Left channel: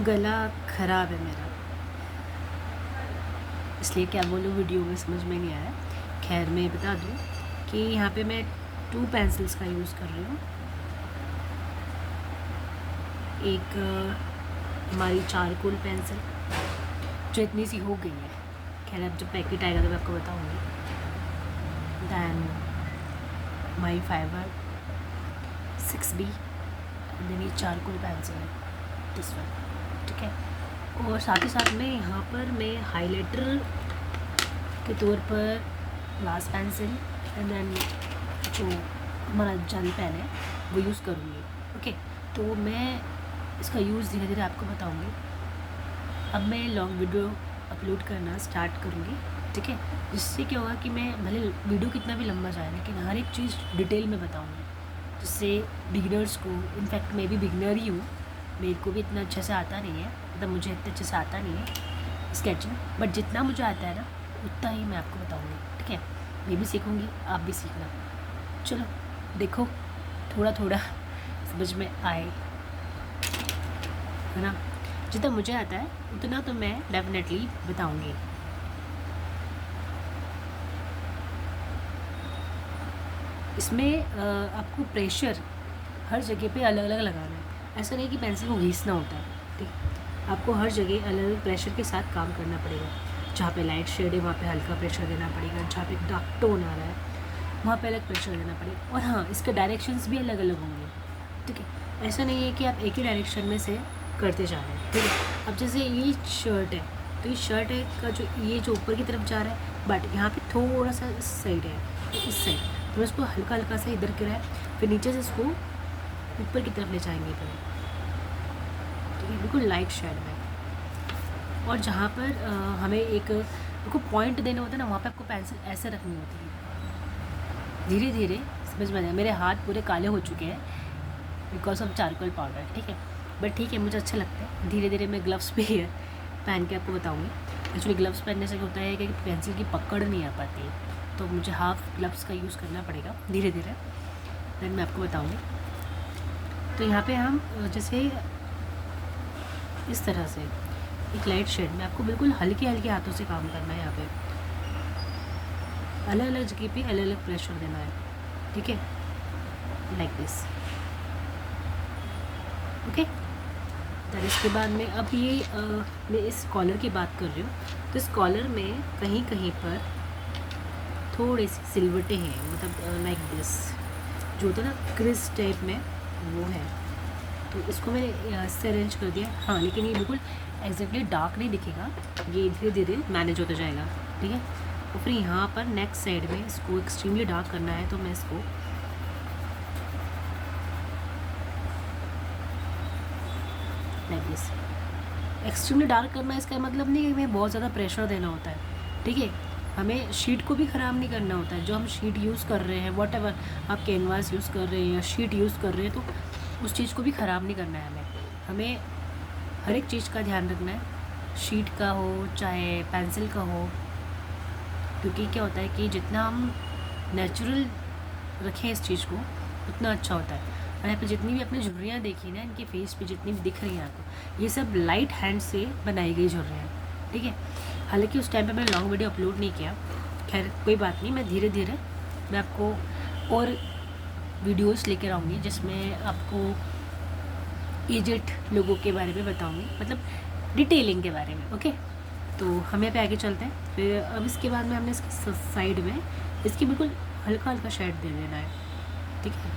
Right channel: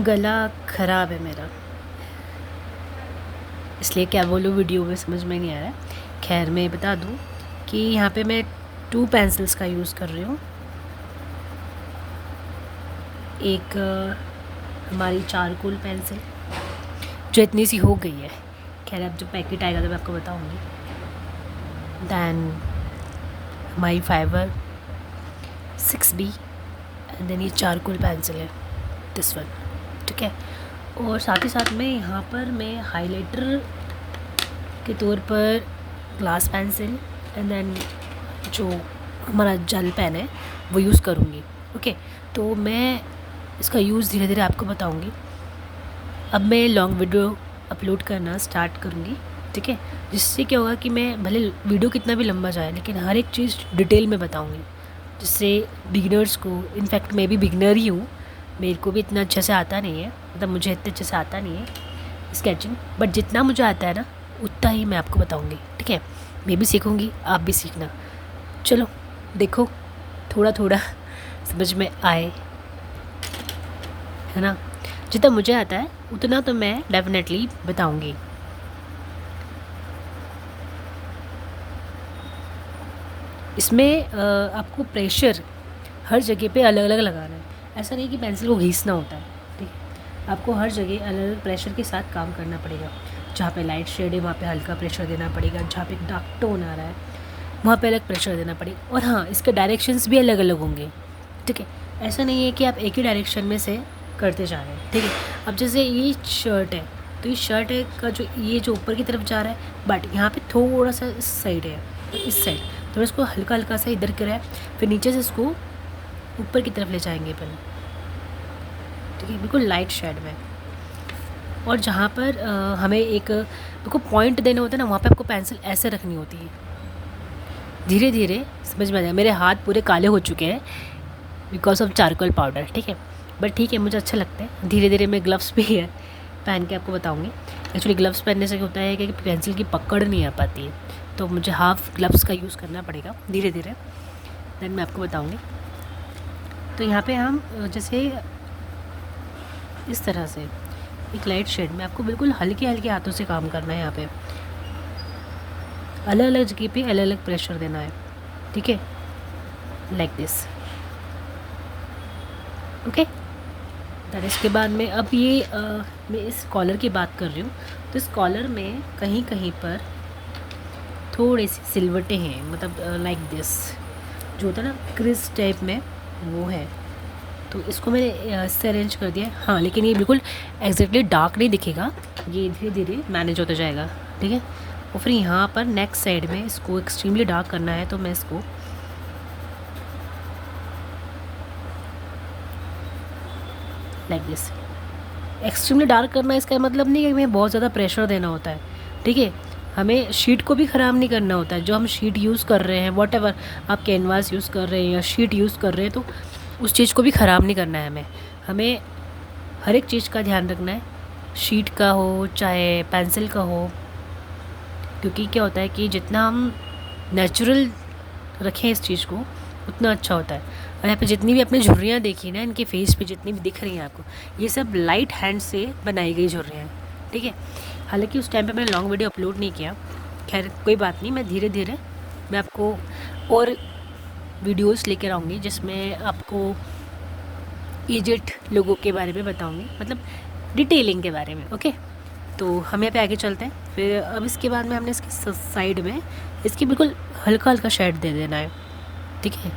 गला ख़राब है मेरा, इसलिए क्या बोलूँ वीडियो में समझ में नहीं आ रहा है। खैर मैं बता दूँ कि यहाँ पे मैं 2 पेंसिल्स का यूज़ कर रही हूँ। एक हमारी चारकोल पेंसिल जो इतनी सी हो गई है, खैर अब जब पैकेट आएगा तो मैं आपको बताऊँगी। Then my fibre 6B and then ये चारकोल पेंसिल है दिस वन, ठीक है। और साथ ही साथ में यहाँ पर मैं हाइलाइटर के तौर पर ग्लास पेंसिल एंड देन जो हमारा जेल पेन है वो यूज़ करूँगी, ओके। तो मैं इसका यूज़ धीरे धीरे आपको बताऊँगी। अब मैं लॉन्ग वीडियो अपलोड करना स्टार्ट करूँगी, ठीक है, जिससे क्या होगा कि मैं भले वीडियो कितना भी लंबा जाए लेकिन हर एक चीज़ डिटेल में बताऊँगी, जिससे बिगिनर्स को, इनफैक्ट मैं भी बिगिनर ही हूँ, मेरे को भी इतना अच्छे से आता नहीं है, मतलब मुझे इतने अच्छे से आता नहीं है स्केचिंग, बट जितना मुझे आता है ना उतना ही मैं आपको बताऊँगी, ठीक है। मैं भी सीखूँगी, आप भी सीखना। चलो देखो, थोड़ा थोड़ा समझ में आए, है ना। जितना मुझे आता है उतना तो मैं डेफिनेटली बताऊँगी। इसमें आपको प्रेशर हर जगह पे अलग अलग लगाना है। ऐसा नहीं कि पेंसिल को घिसना होता है, ठीक है। आपको हर जगह अलग अलग प्रेशर के साथ काम करना पड़ेगा। जहाँ पे लाइट शेड है वहाँ पे हल्का प्रेशर देना पड़ेगा, जहाँ पे डार्क टोन आ रहा है वहाँ पे अलग प्रेशर देना पड़ेगा। और हाँ, इसके डायरेक्शंस भी अलग अलग होंगे, ठीक है। ऐसा नहीं है कि आप एक ही डायरेक्शन में से करते जा रहे हैं, ठीक है। अब जैसे ये शर्ट है, तो ये शर्ट है का जो ये जो ऊपर की तरफ जा रहा है, बट यहाँ पे थोड़ा सा इस साइड है, इस साइड, तो इसको हल्का हल्का सा इधर करा है, फिर नीचे से इसको ऊपर की तरफ ले जाएंगे अपन, ठीक है, बिल्कुल लाइट शेड में। और जहाँ पर हमें एक आपको पॉइंट देना होता है ना, वहाँ पे आपको पेंसिल ऐसे रखनी होती है। धीरे धीरे समझ में आ जाएगा। मेरे हाथ पूरे काले हो चुके हैं बिकॉज ऑफ चारकोल पाउडर, ठीक है, बट ठीक है, मुझे अच्छा लगता है। धीरे धीरे मैं ग्लव्स भी है पहन के आपको बताऊँगी। एक्चुअली ग्लव्स पहनने से क्या होता है कि पेंसिल की पकड़ नहीं आ पाती है, तो मुझे हाफ ग्लव्स का यूज़ करना पड़ेगा धीरे धीरे, देन मैं आपको बताऊँगी। तो यहाँ पे हम जैसे इस तरह से एक लाइट शेड में आपको बिल्कुल हल्के हल्के हाथों से काम करना है। यहाँ पे अलग अलग जगह पे अलग अलग प्रेशर देना है, ठीक है, लाइक दिस, ओके। दैन इसके बाद में अब ये मैं इस कॉलर की बात कर रही हूँ, तो इस कॉलर में कहीं कहीं पर थोड़े से सिलवटें हैं, मतलब लाइक दिस जो होता है ना क्रिस टाइप में, वो है। तो इसको मैंने इससे अरेंज कर दिया है, हाँ, लेकिन ये बिल्कुल एग्जैक्टली डार्क नहीं दिखेगा, ये धीरे धीरे मैनेज होता जाएगा, ठीक है। और फिर यहाँ पर नेक्स्ट साइड में इसको एक्सट्रीमली डार्क करना है, तो मैं इसको लाइक दिस एक्सट्रीमली डार्क करना, इसका मतलब नहीं है कि हमें बहुत ज़्यादा प्रेशर देना होता है, ठीक है। हमें शीट को भी ख़राब नहीं करना होता है। जो हम शीट यूज़ कर रहे हैं, वॉट एवर आप कैनवास यूज़ कर रहे हैं या शीट यूज़ कर रहे हैं, तो उस चीज़ को भी ख़राब नहीं करना है हमें। हमें हर एक चीज़ का ध्यान रखना है, शीट का हो चाहे पेंसिल का हो, क्योंकि क्या होता है कि जितना हम नेचुरल रखें इस चीज़ को उतना अच्छा होता है। और यहाँ पे जितनी भी आपने झुर्रियाँ देखी ना, इनके फेस पे जितनी भी दिख रही हैं आपको, ये सब लाइट हैंड से बनाई गई झुर्रियाँ हैं, ठीक है। हालांकि उस टाइम पे मैंने लॉन्ग वीडियो अपलोड नहीं किया, खैर कोई बात नहीं, मैं धीरे धीरे मैं आपको और वीडियोस लेकर आऊँगी जिसमें आपको एजेड लोगों के बारे में बताऊँगी, मतलब डिटेलिंग के बारे में, ओके। तो हम यहाँ पे आगे चलते हैं। फिर अब इसके बाद में हमने इसकी साइड में इसकी बिल्कुल हल्का हल्का शेड दे देना है, ठीक है।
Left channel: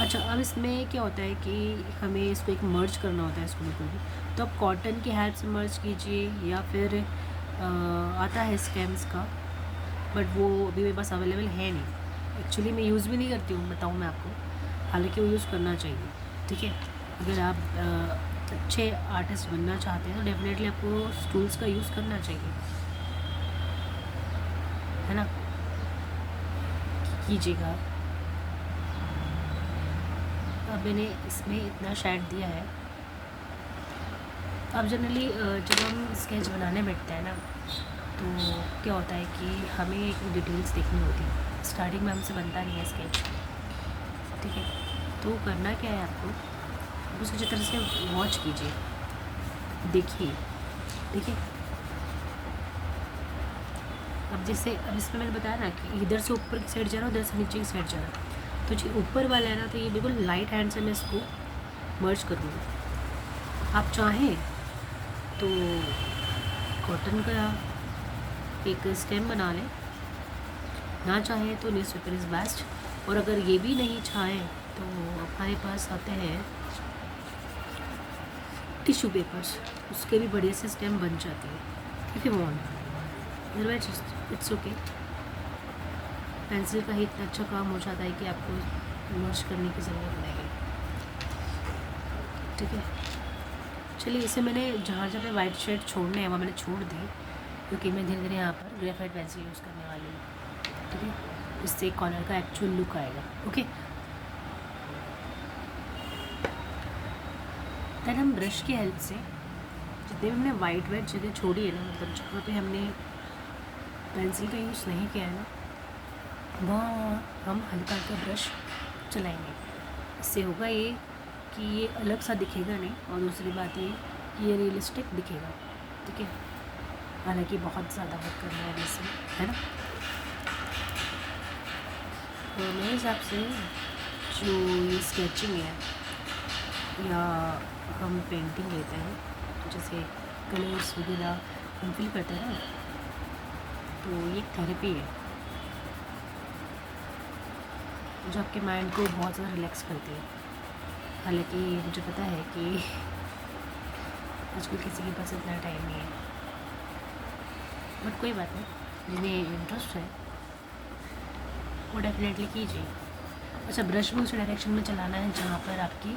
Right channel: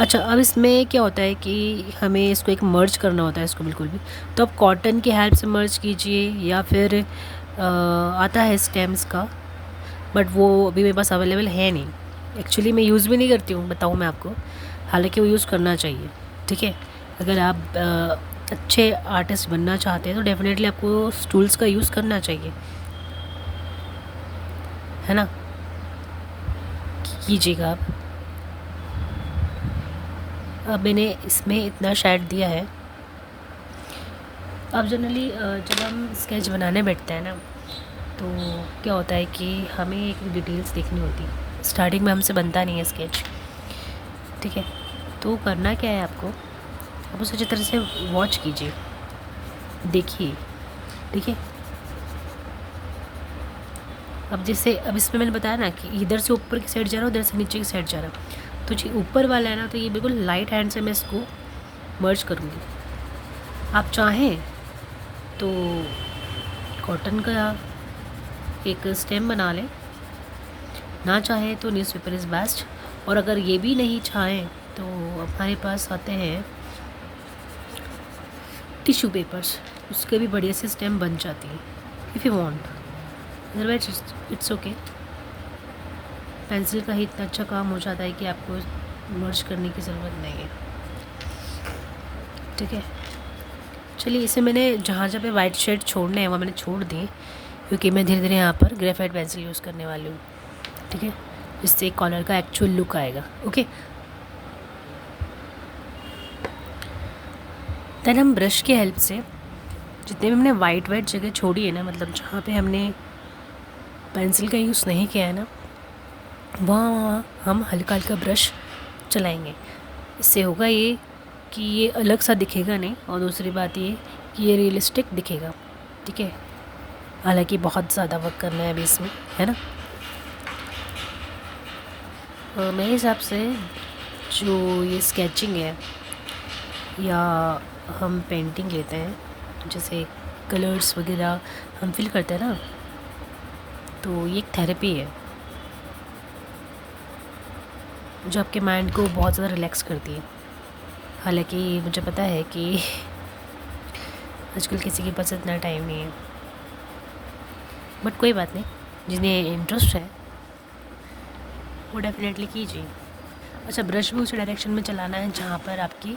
अच्छा, अब इसमें क्या होता है कि हमें इसको एक मर्ज करना होता है इसको बिल्कुल भी, तो आप कॉटन की हेल्प से मर्ज कीजिए या फिर आता है स्टेम्स का, बट वो अभी मेरे पास अवेलेबल है नहीं। एक्चुअली मैं यूज़ भी नहीं करती हूँ, बताऊँ मैं आपको, हालांकि वो यूज़ करना चाहिए, ठीक है। अगर आप अच्छे आर्टिस्ट बनना चाहते हैं तो डेफिनेटली आपको टूल्स का यूज़ करना चाहिए, है ना, कीजिएगा आप। अब मैंने इसमें इतना शेड दिया है। अब जनरली जब हम स्केच बनाने बैठते हैं ना, तो क्या होता है कि हमें एक डिटेल्स देखनी होती है। स्टार्टिंग में हमसे बनता नहीं है स्केच, ठीक है। तो करना क्या है आपको, आप उसे अच्छी तरह से वॉच कीजिए, देखिए, ठीक है। अब जैसे अब इसमें मैंने बताया ना कि इधर से ऊपर की साइड जा रहा हूँ, उधर से नीचे की साइड जा रहा हूँ, तो जो ऊपर वाला है ना, तो ये बिल्कुल लाइट हैंड से मैं इसको मर्ज करूँगी। आप चाहें तो कॉटन का एक स्टेम बना लें, ना चाहें तो न्यूज़पेपर इज़ बेस्ट। और अगर ये भी नहीं चाहें तो हमारे पास आते हैं टिश्यू पेपर्स, उसके भी बढ़िया से स्टेम बन जाती है if you want, otherwise it's okay. Pencil का ही इतना अच्छा काम हो जाता है कि आपको मर्ज करने की ज़रूरत नहीं है, ठीक है। चलिए, इसे मैंने जहाँ जहाँ पे वाइट शेड छोड़ने हैं वो मैंने छोड़ दिए, क्योंकि मैं धीरे धीरे यहाँ पर ग्रेफाइट पेंसिल यूज़ करने वाली हूँ, ठीक है, जिससे कॉलर का एक्चुअल लुक आएगा। ओके, देन हम ब्रश के हेल्प से जितने भी हमने वाइट जगह छोड़ी है ना, मतलब जहाँ पे हमने पेंसिल का यूज़ नहीं किया है ना, वहाँ हम हल्का हल्का ब्रश चलाएंगे। इससे होगा ये कि ये अलग सा दिखेगा नहीं, और दूसरी बात ये कि ये रियलिस्टिक दिखेगा, ठीक है। हालांकि बहुत ज़्यादा वर्क करना है अभी इसमें, है ना। और मेरे हिसाब से जो ये स्केचिंग है या हम पेंटिंग लेते हैं, जैसे कलर्स वगैरह हम फिल करते हैं ना, तो ये एक थेरेपी है जो आपके माइंड को बहुत ज़्यादा रिलैक्स करती है। हालांकि मुझे पता है कि आजकल किसी के पास इतना टाइम नहीं है, बट कोई बात नहीं, जिन्हें इंटरेस्ट है वो डेफिनेटली कीजिए। अच्छा, ब्रश भी उस डायरेक्शन में चलाना है जहाँ पर आपकी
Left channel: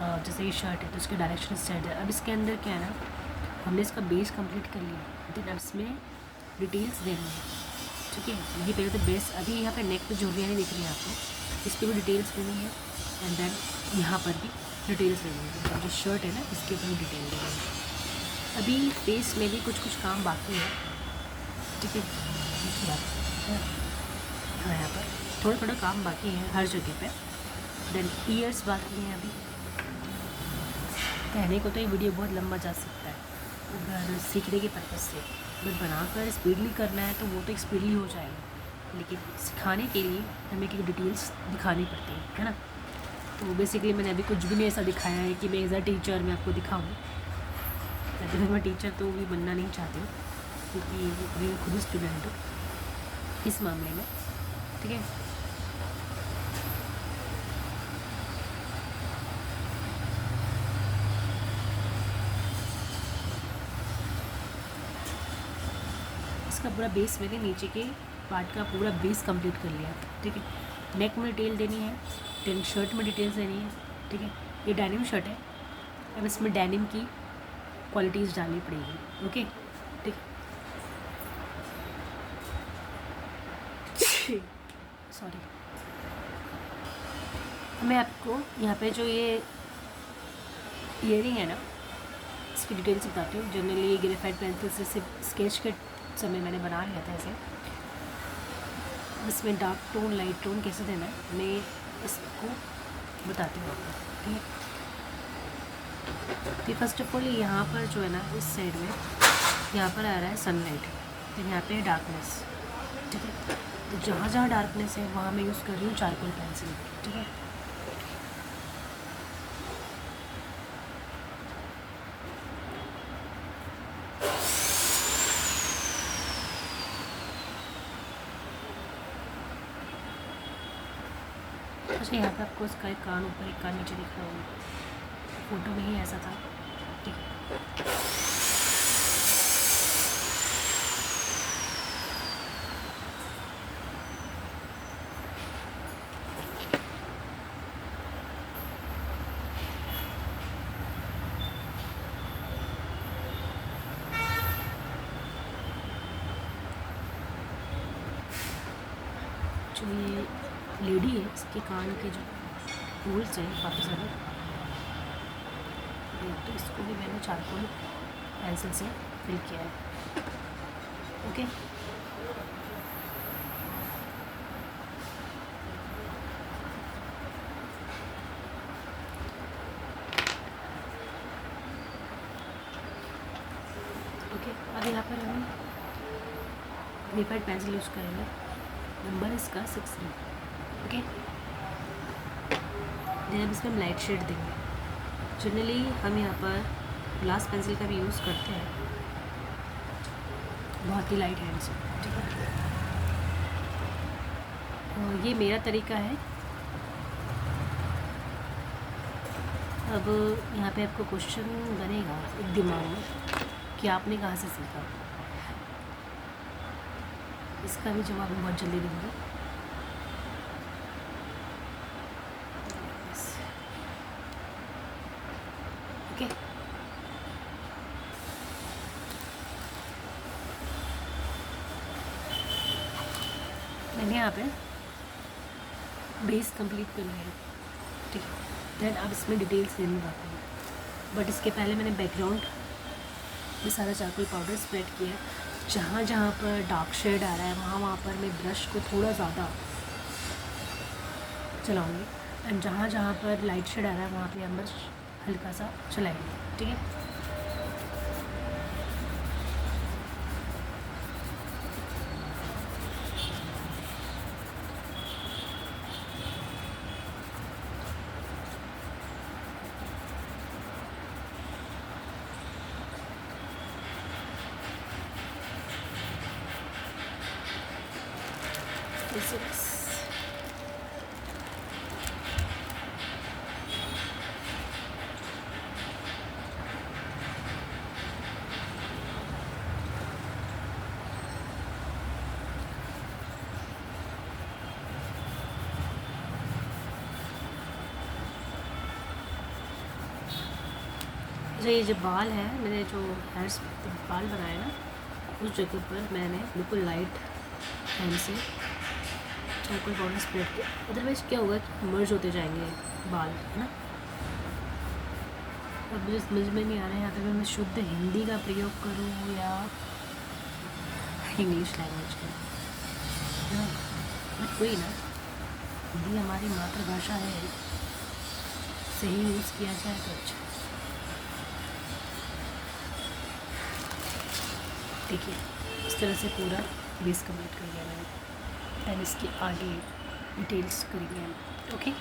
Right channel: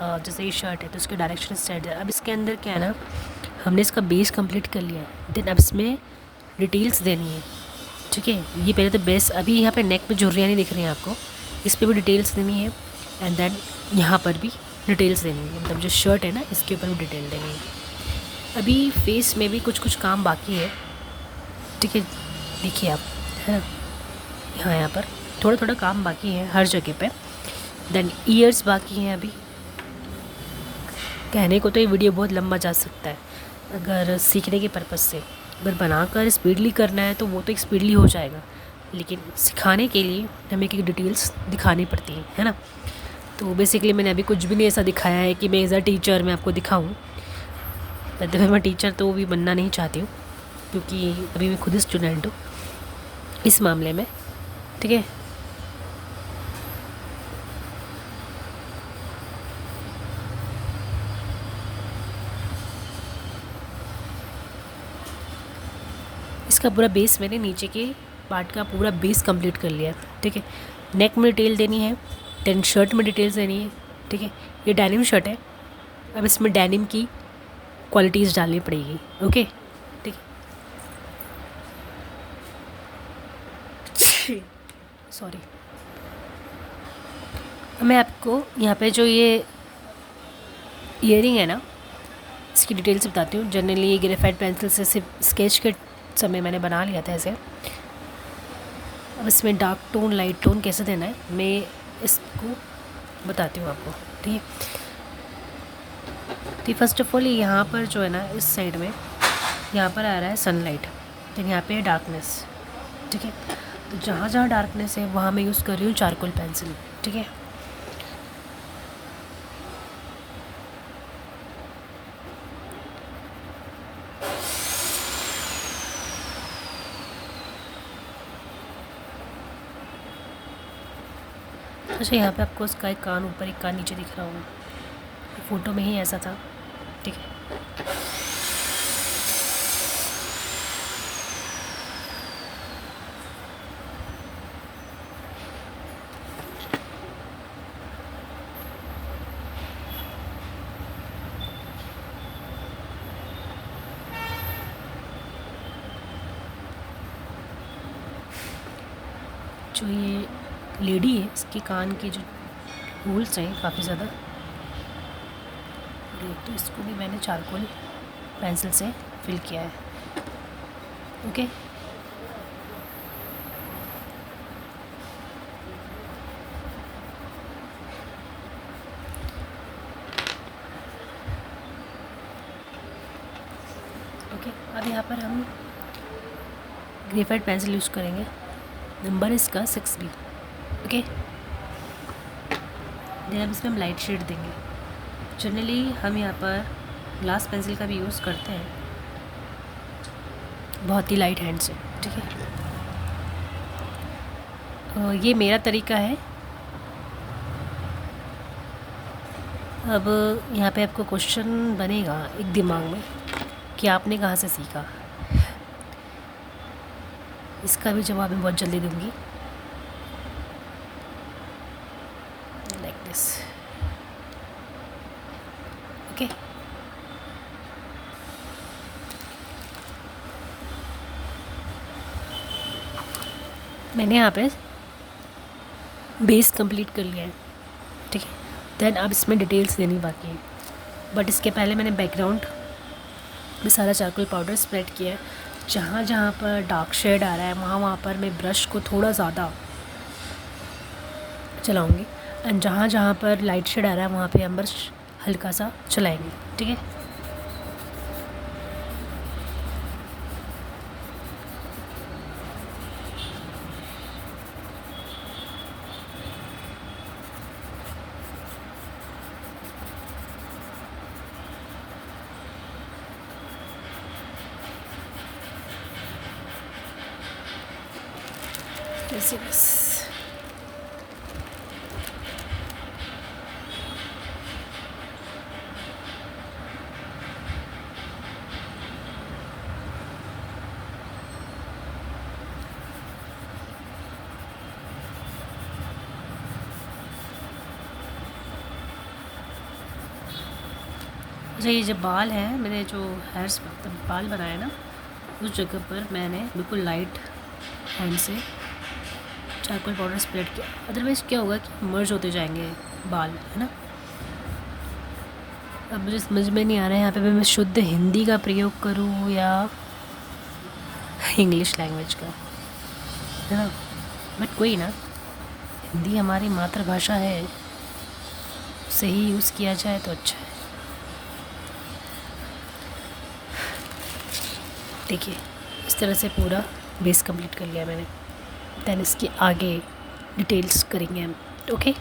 जैसे ये शर्ट है तो उसके डायरेक्शन सेट है। अब इसके अंदर क्या है ना, हमने इसका बेस कंप्लीट कर लिया है, देन अब इसमें डिटेल्स देनी है, ठीक है। ये पहले तो बेस, अभी यहाँ पे नेक पे झुर्रियाँ नहीं दिख रही हैं आपको, इस पर भी डिटेल्स देनी है, एंड देन यहाँ पर भी डिटेल्स देनी है, मतलब जो शर्ट है ना इसके ऊपर भी डिटेल देनी है। अभी फेस में भी कुछ कुछ काम बाकी है, ठीक है, देखिए आप, है ना, यहाँ पर थोड़ा थोड़ा काम बाकी है हर जगह पे। देन ईयर्स बाकी हैं अभी। कहने को तो ये वीडियो बहुत लंबा जा सकता है, अगर सीखने के पर्पज़ से, अगर बनाकर स्पीडली करना है तो वो तो एक स्पीडली हो जाएगा, लेकिन सिखाने के लिए हमें एक डिटेल्स दिखानी पड़ती है ना। तो बेसिकली मैंने अभी कुछ भी नहीं ऐसा दिखाया है कि मैं एज अ टीचर मैं आपको दिखाऊं। वैसे मैं टीचर तो भी बनना नहीं चाहती हूँ, क्योंकि अभी मैं खुद ही स्टूडेंट हूँ इस मामले में, ठीक है। इसका पूरा बेस मैंने नीचे के पार्ट का पूरा बेस कंप्लीट कर लिया, ठीक है। नेक में डिटेल देनी है, देन शर्ट में डिटेल्स देनी है, ठीक है। ये डेनिम शर्ट है, अब इसमें डेनिम की क्वालिटीज़ डालनी पड़ेगी, ओके, ठीक है। सॉरी, मैं आपको यहाँ पे जो ये ईयरिंग है ना, इसकी डिटेल्स बताती हूँ। जनरली ये ग्रेफाइट पेंसिल से सिर्फ स्केच के समय मैंने बना लिया था ऐसे। अब इसमें डार्क टोन लाइट टोन कैसे देना है मैं इसको बताती हूँ आपको, ठीक है। तो फर्स्ट ऑफ ऑल यहाँ पर जो है ना, इस साइड में यहाँ पर आ रहा है सनलाइट, तो यहाँ पे है डार्कनेस, ठीक है। तो जहाँ जहाँ डार्कनेस है वहाँ मैं यूज़ कर रही हूँ चारकोल पेंसिल, ठीक है। अच्छा, यहाँ पे आपको उसका एक कान ऊपर एक कान नीचे दिख रहा होगा, फ़ोटो में ही ऐसा था, ठीक है। जो ये लेडी है इसके कान के जो होल्स हैं काफ़ी ज़्यादा, तो इसको भी मैंने चारकोल पेंसिल से फिल किया है, ओके। पर हम ग्रेफाइट पेंसिल यूज़ करेंगे, नंबर इसका 6B। ओके, देन अब इसमें हम लाइट शेड देंगे। जनरली हम यहाँ पर ग्लास पेंसिल का भी यूज़ करते हैं, बहुत ही लाइट हैंड से, ठीक है। ये मेरा तरीका है। अब यहाँ पे आपको क्वेश्चन बनेगा एक दिमाग में कि आपने कहाँ से सीखा। इसका भी जवाब मैं बहुत जल्दी दूँगी। Like this, okay. मैंने यहाँ पे बेस कंप्लीट कर लिया है, ठीक है। देन अब इसमें डिटेल्स देनी बाकी है, बट इसके पहले मैंने बैकग्राउंड में सारा चारकोल पाउडर स्प्रेड किया है। जहाँ जहाँ पर डार्क शेड आ रहा है वहाँ पर मैं ब्रश को थोड़ा ज़्यादा चलाऊँगी, एंड जहाँ जहाँ पर लाइट शेड आ रहा है वहाँ पे हम ब्रश हल्का सा चलाएंगे, ठीक है। बस अच्छा, ये जो बाल है, मैंने जो हेयर्स बाल बनाए ना, उस जगह पर मैंने बिल्कुल लाइट हैंड से चारकोल पाउडर स्प्रेड किया। अदरवाइज़ क्या होगा कि मर्ज होते जाएंगे बाल, है ना। अब मुझे समझ में नहीं आ रहा है यहाँ पे मैं शुद्ध हिंदी का प्रयोग करूँ या इंग्लिश लैंग्वेज का, है ना। बट कोई ना, हिंदी हमारी मातृभाषा है, सही यूज़ किया जाए तो अच्छा है। देखिए, इस तरह से पूरा बेस कंप्लीट कर लिया मैंने। देन इसके आगे डिटेल्स करेंगे हम, ओके।